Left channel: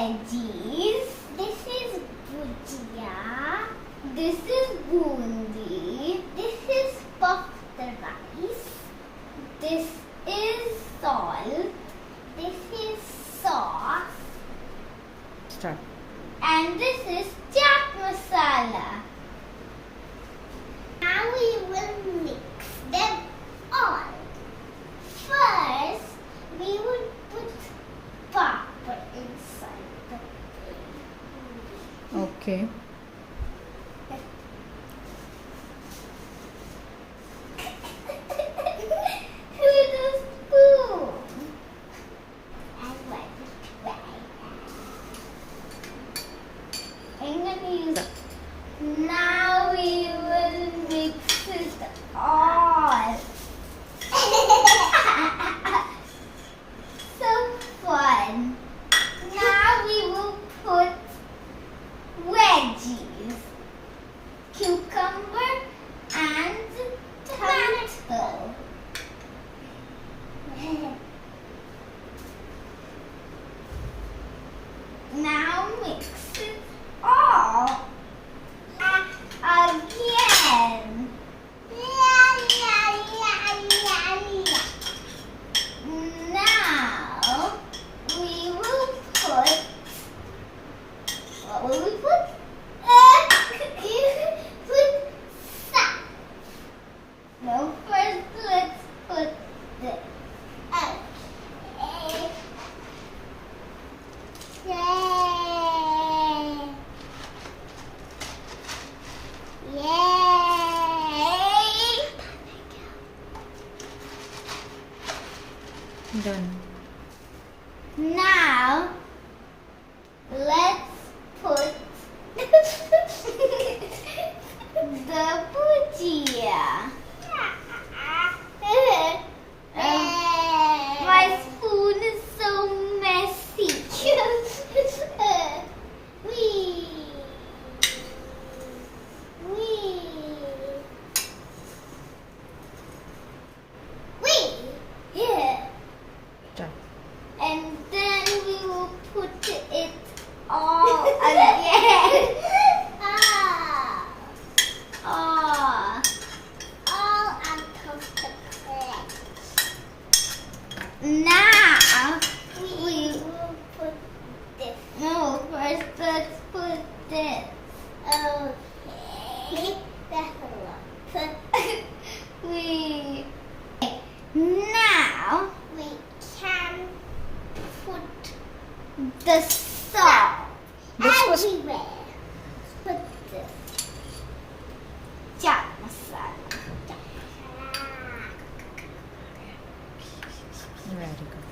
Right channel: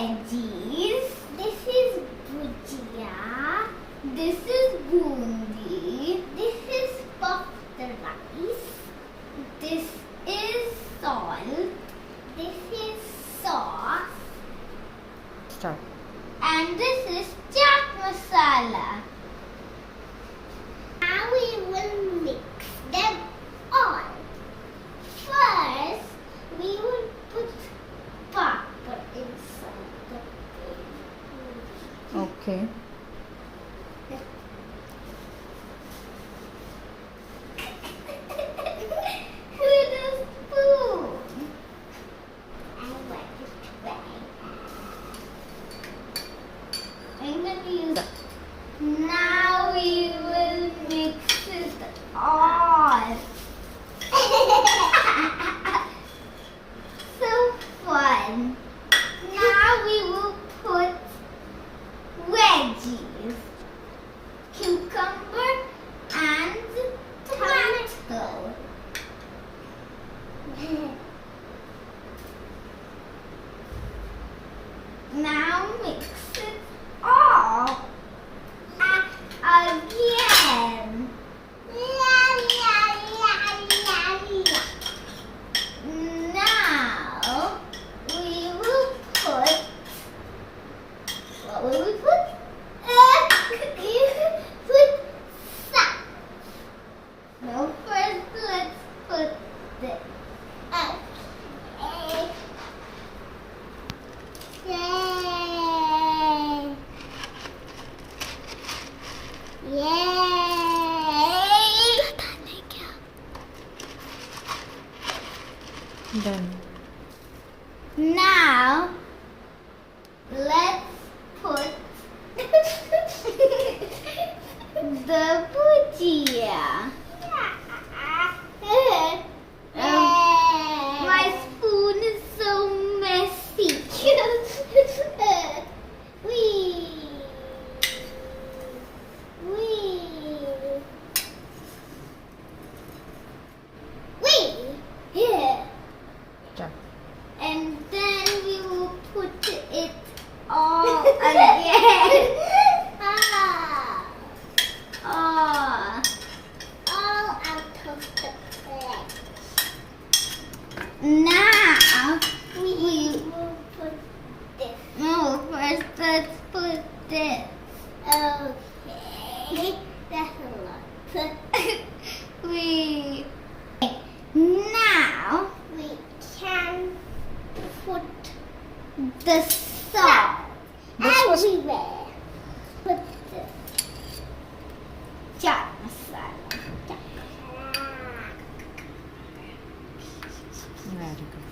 veggies. This is bhujia. This is bundi. This is puffed rice. This is salt. This is sauce. Start. And this is chaat masala. Now we will mix them all. First, we will put pepper inside the bowl. Okay. With a spoon. And wipe it right. I'm gonna use. Now we will mix it all. So fun. Now we will put veggies, cucumber and tomato. Now mix it all again. Now we will put. What will we put? Put salt. No, first let's put this. Okay. Yay! Yay! Done. Now let's put the bhujia. My spoon is so messy. Wee. Wee. Wee. Yeah. Start. And then we will put it all again. All out of the plate. Now we will put this. No, first let's put this. Okay. That's a lot. we now we can put the salt This was- everywhere. Put this chaat masala. Very good.